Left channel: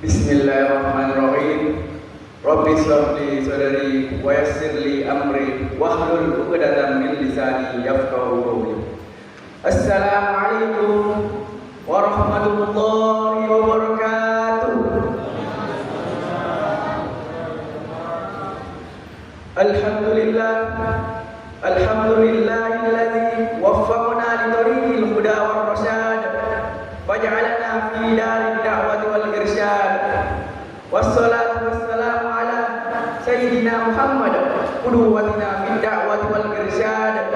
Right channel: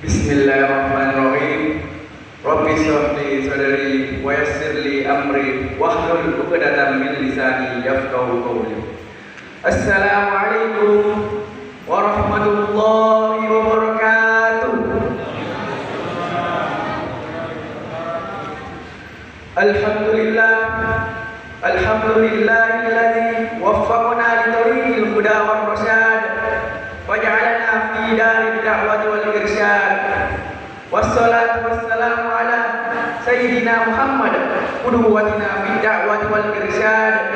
Bismillahirrahmanirrahim. Rabbi shrah li sadri wa yassir li amri wahlul 'uqdatam min lisani yafqahu qawli. Assalamualaikum warahmatullahi wabarakatuh. Alhamdulillah, alhamdulillahilladzi waffaqana li tariqil huda war rasyad wa ja'alana fi darid da'wati wal irsyad. Wassalatu wassalamu ala sayyidina Muhammad qudwatina fi da'wati wal irsyad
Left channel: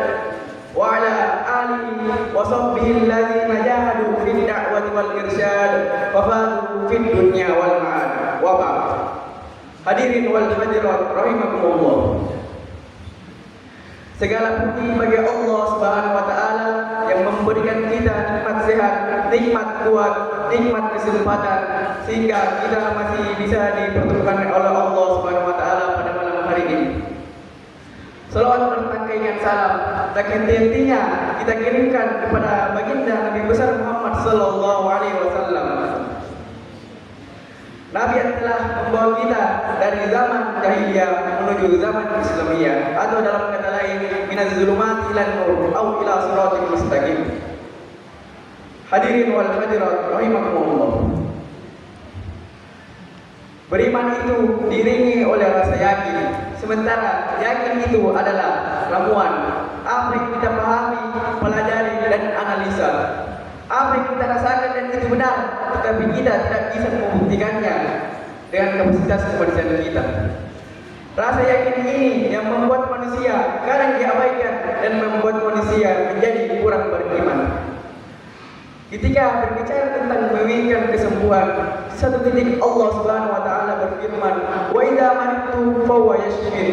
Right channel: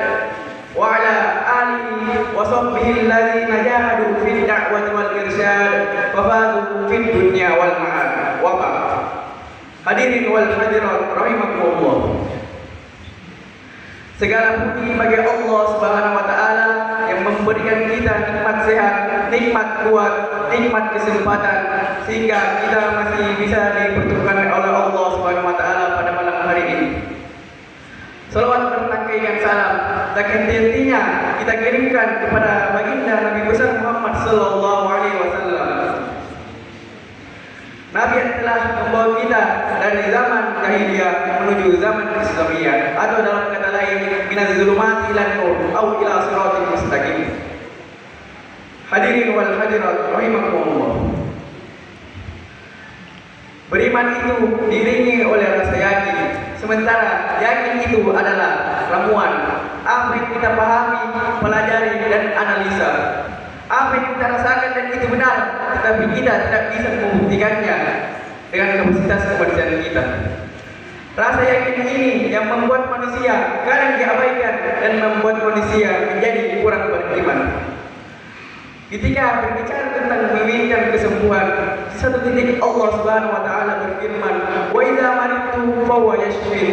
wa ala alihi wa sahbihi alladzina jahadu fi da'wati wal irsyad fa fazu fid dunya wal ma'ad. Wa ba'd. Hadirin wal hadirat rahimakumullah. Segala puji bagi Allah Subhanahu wa taala yang memberikan kita nikmat sehat, nikmat kuat, nikmat kesempatan sehingga kita masih bisa dipertemukan oleh Allah Subhanahu wa taala pada malam hari ini. Selawat bertangkai salam tak henti-hentinya kita kirimkan kepada baginda Nabi besar Muhammad sallallahu alaihi wasallam. Nabi yang telah membawa kita dari zaman jahiliyah menuju zaman Islamiyah, atau dalam kata lain minaz zulumati ilal nur atau ila siratal mustaqim. Hadirin wal hadirat rahimakumullah. Beriman itu diiringi oleh rasa yakin, sementara yakin itu adalah ramuan. Apa yang kita pahami, pelajari dan analisa, apa yang kita rasakan dan itu benar, tetapi kita tidak bisa membuktikannya dengan kapasitas kemanusiaan kita. Rasa yakin ini yang membuat manusia kadang diabaikan dan membuat manusia menjadi kurang beriman. Ketika berbicara tentang menginginkan kesembuhan, di satu titik Allah Subhanahu wa taala berfirman, "Wa idza maridtu fa huwa yashfin."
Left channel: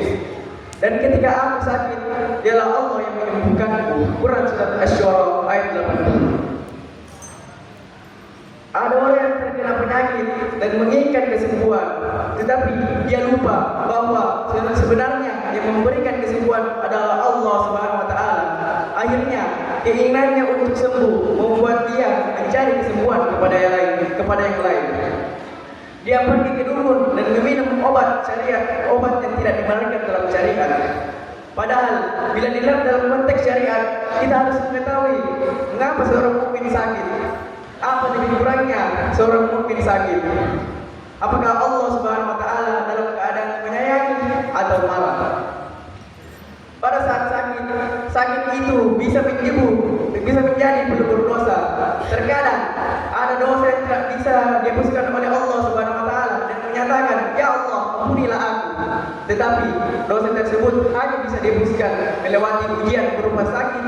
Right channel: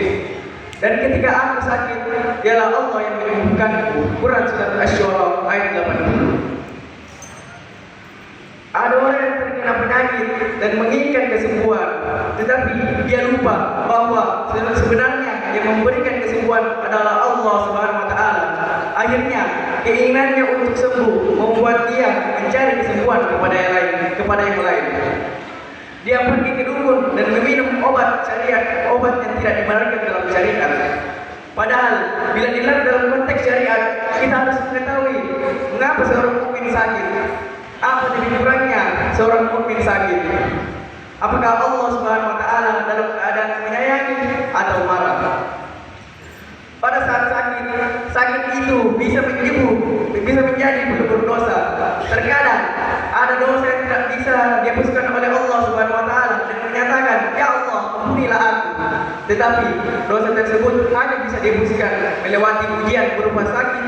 Dan ketika aku sakit, dialah Allah yang menyembuhkanku. Quran surat Asy-Syu'ara ayat 80. Ada orang yang terkena penyakit dan menginginkan kesembuhan, tetapi dia lupa bahwa sebenarnya yang memberikan kesembuhan adalah Allah Subhanahu wa taala. Akhirnya keinginannya untuk sembuh membuat dia mencari kesembuhan kepada yang lain. Dia pergi ke dukun dan meminum obat syariat, obat yang tidak dibenarkan dalam syariat. Padahal bila dilihat dalam konteks syariat, kita harus mengetahui mengapa seorang mukmin sakit. Apa jadi kurangnya seorang mukmin sakit? Apakah Allah Subhanahu wa taala dalam keadaan menyayangi atau marah? Pada saat sakit itu bisa menjadi pelupur dosa. Terkadang ada dosa yang tidak bisa dihapuskan oleh Allah Subhanahu wa taala dan menyatakan, "Ya Allah, ampunilah aku." Tetapi dosa tersebut hanya bisa dihapuskan melewati ujian berupa sakit,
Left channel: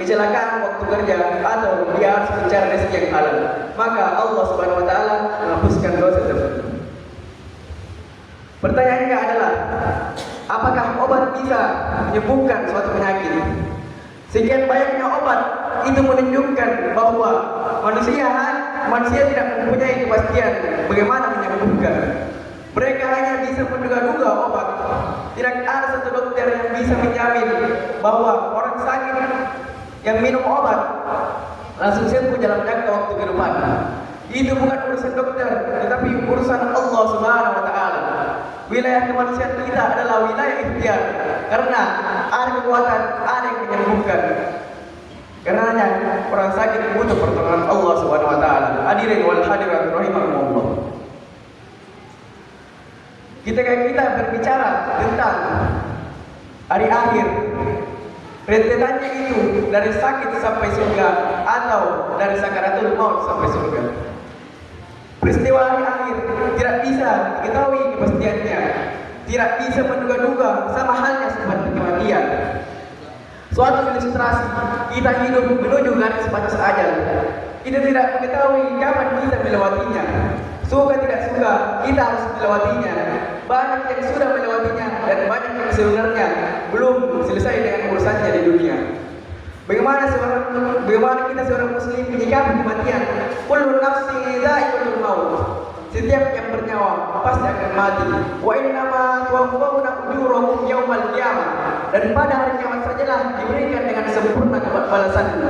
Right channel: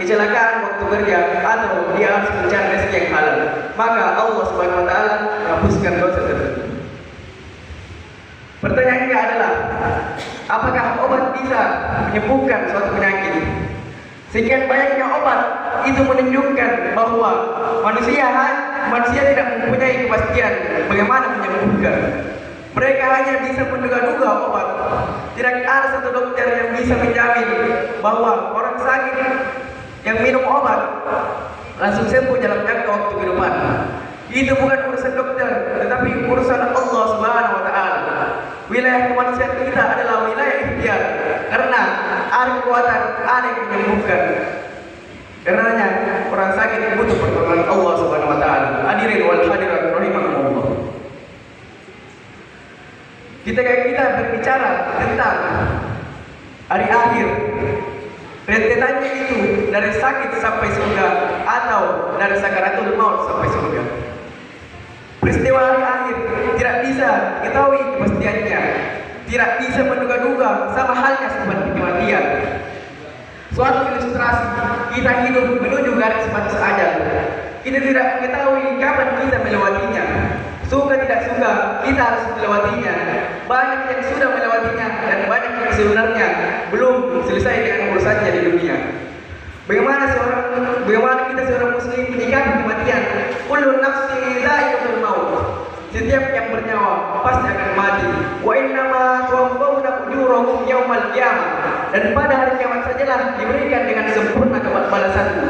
kecelakaan waktu kerja, atau dia harus mencari rezeki yang halal. Maka Allah Subhanahu wa taala menghapuskan dosa tersebut. Pertanyaannya adalah, apakah obat bisa menyembuhkan suatu penyakit? Sekian banyaknya obat itu menunjukkan bahwa manusia tidak mempunyai kepastian bagaimana menyembuhkan. Mereka hanya bisa menduga-duga obat. Tidak ada satu dokter yang bisa menjamin bahwa orang sakit yang minum obat langsung sembuh dalam jangka waktu ke depan. Itu bukan urusan dokter, tetapi urusan Allah Subhanahu wa taala. Wilayah kemanusiaan kita adalah wilayah ikhtiar, karena ada kekuatan, ada yang menyembuhkan. Karenanya orang sakit butuh pertolongan Allah Subhanahu wa taala. Hadirin wal hadirat rahimakumullah. Kita berbicara tentang hari akhir. Rentetannya itu dari sakit sampai surga atau dari sakaratul maut sampai surga. Peristiwa hari akhir tidak bisa diketahui kepastiannya, tidak bisa menduga-duga, sama halnya seperti kematian. Suatu ilustrasi, kita hidup menuju garis batas ajal. Kita tidak mengetahui kapan kita melewatinya. Suka tidak suka, kita harus melewatinya. Banyak yang sudah melewatinya dan banyak yang sebenarnya belum selesai dengan urusannya di dunia. Bagaimana kita seorang muslim menyikapi kematian? Kullu nafsin dha'iqatul maut. Setiap yang bernyawa pasti akan mati. Wa innama tuwaffawna ujurakum yaumal qiyamah. Dan pada hari kiamat sajalah diberikan dengan sempurna balasanmu.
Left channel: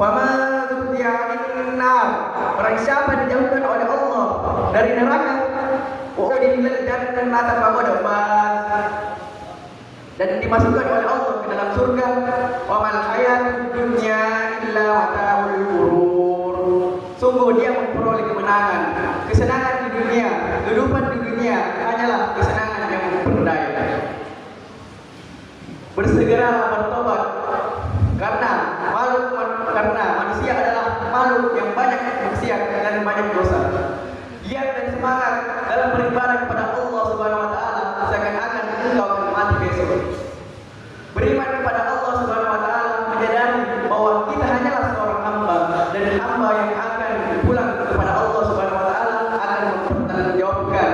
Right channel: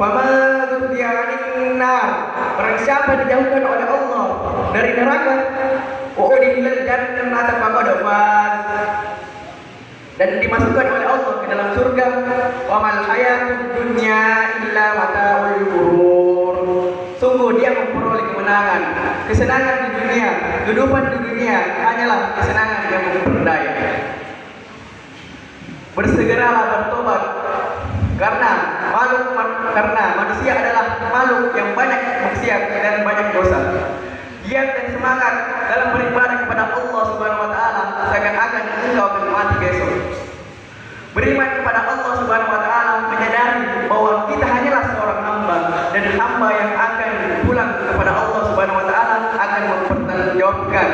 Fama dzutiya anin nar. Barang siapa dijauhkan oleh Allah dari neraka, wa udkhilal jannata faqad faz. Dan dimasukkan oleh Allah ke dalam surga. Wa mal hayatud dunya illa mata'ul ghurur. Sungguh dia memperoleh kemenangan, kesenangan di dunia, kehidupan di dunia hanyalah kesenangan yang memperdaya. Bersegeralah bertobat karena manusia adalah makhluk yang banyak maksiat dan banyak dosa. Giat dan semangat dalam beribadah kepada Allah Subhanahu wa taala seakan-akan engkau akan mati besok. Beriman kepada Allah Subhanahu wa taala, menyadari bahwa kita hanyalah seorang hamba dan hamba yang akan pulang kepada Allah Subhanahu wa taala akan mempertanggungjawabkan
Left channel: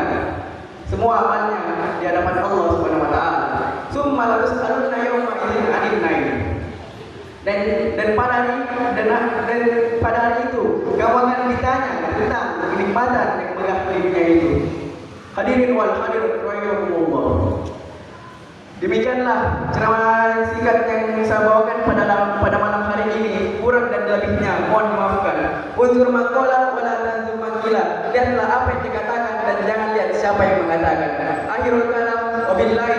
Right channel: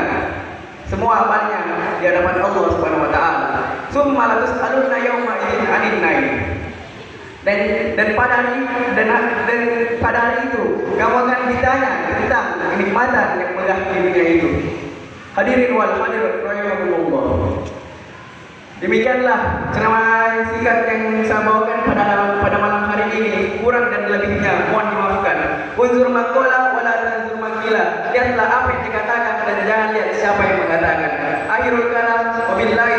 semua amalnya di hadapan Allah Subhanahu wa taala. Summa la tus'aluna yawma idzin 'anil naim. Dan pada hari itu kamu akan ditanya tentang kenikmatan yang megah di dunia itu. Hadirin wal hadirat rahimakumullah. Demikianlah ceramah singkat yang saya bawakan pada malam hari ini. Kurang dan lebihnya mohon dimaafkan. Unzur maqala wa la tanzur maqila. Lihatlah apa yang dikatakan dan jangan lihat siapa yang mengatakan. Akhirul kalam wabillahi